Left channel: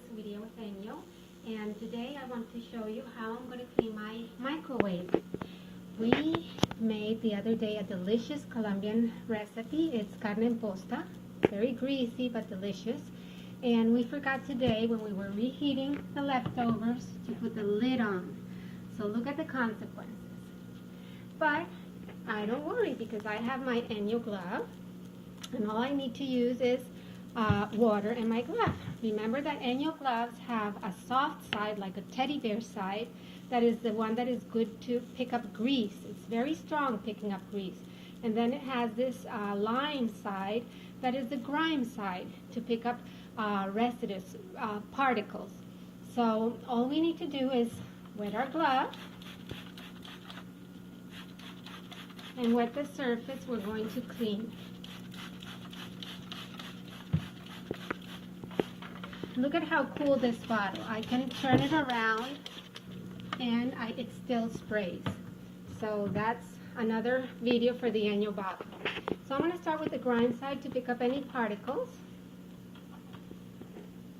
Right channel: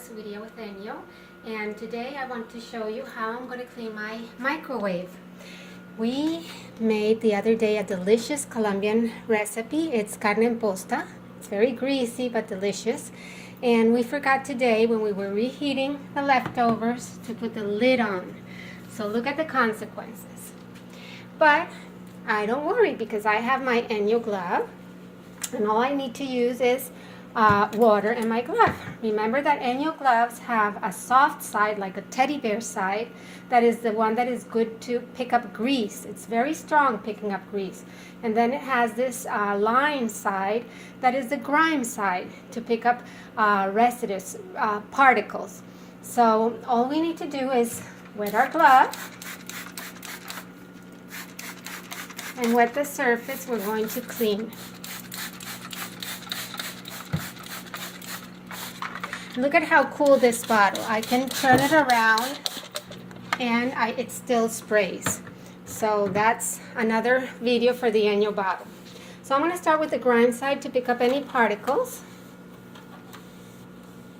this video with ENJO, and today I want to show you how I'm going to clean my microwave. We made the other day a delicious Colombian recipe. It's carne en posta. It's very greasy but delicious. And we forgot today when we were reheating the leftovers to put the lid on. So look at the consequences. But I don't worry because I have my ENJO glove, and all I need to use is water in my glove. Remember that ENJO gloves have a soft side, like a teddy bear side, that is the one that is good to pick up grease. It's very strong picking up grease. And then it has this lime side that is the grime side to pick up residues, particles. So all we need to do is wet our glove and wet the surface we're going to clean. Look at how cool this bottle. I can turn it around and it still sprays. So that's another video for the ENJO bottle. So I'm going to start with the grime side to pick up any particles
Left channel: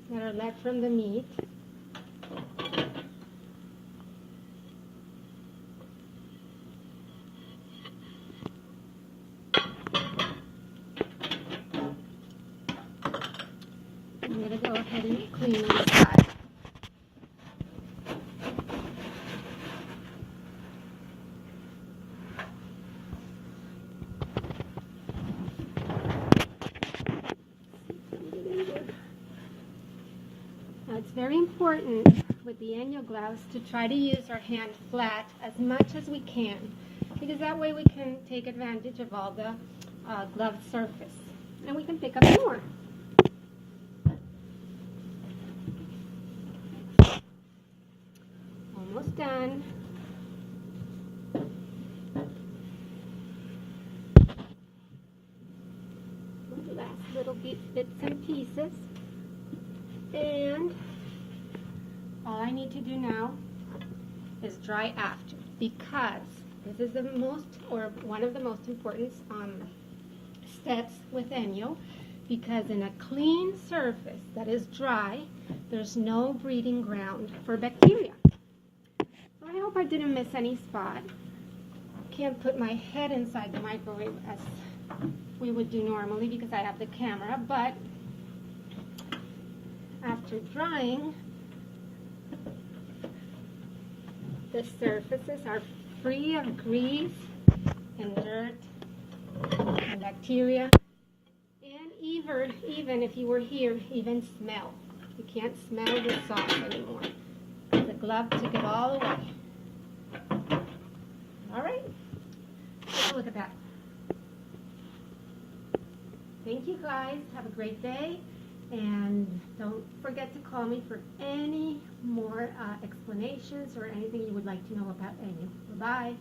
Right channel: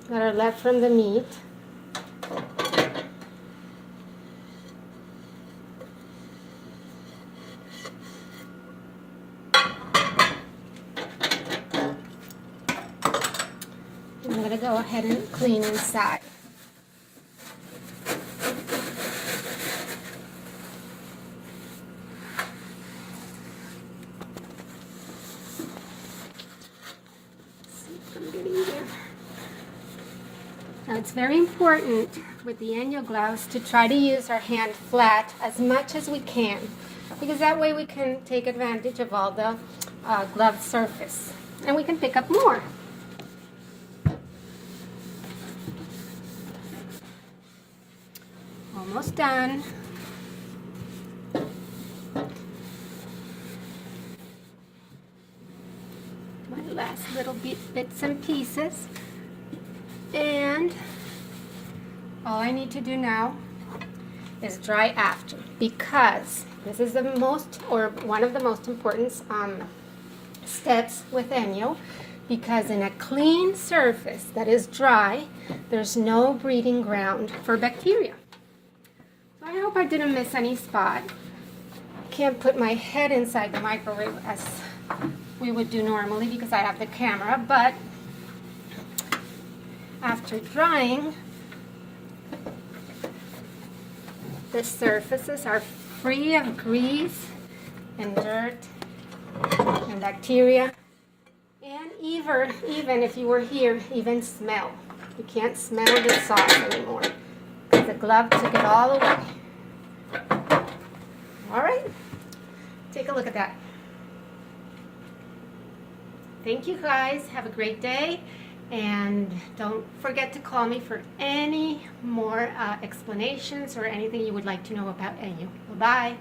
that are left from the meat. I'm going to go ahead and clean inside. Now it's very important with the ENJO gloves to try to use our hand flat as much as we can, because that way we can take advantage of all the glove surface and we can pick up more. Almost done. My last little bits and pieces. And all I need to do now is dry after, because this is the most, or one of the most important steps with ENJO, because in a clean surface that is dry, there's no breeding ground for bacteria. I hope I didn't miss any spot. I can't put my head inside the microwave as we would do normally because I have the camera, but after drying, the surfaces are free of grease and dirt and bacteria, and even if you were here, even smell. You can't smell the sauce anymore because the glove took it all away. All right, take a look at that. Thank you guys. Have a great day. And don't forget to call me for any more explanations or anything you would like to know about ENJO. Bye-bye.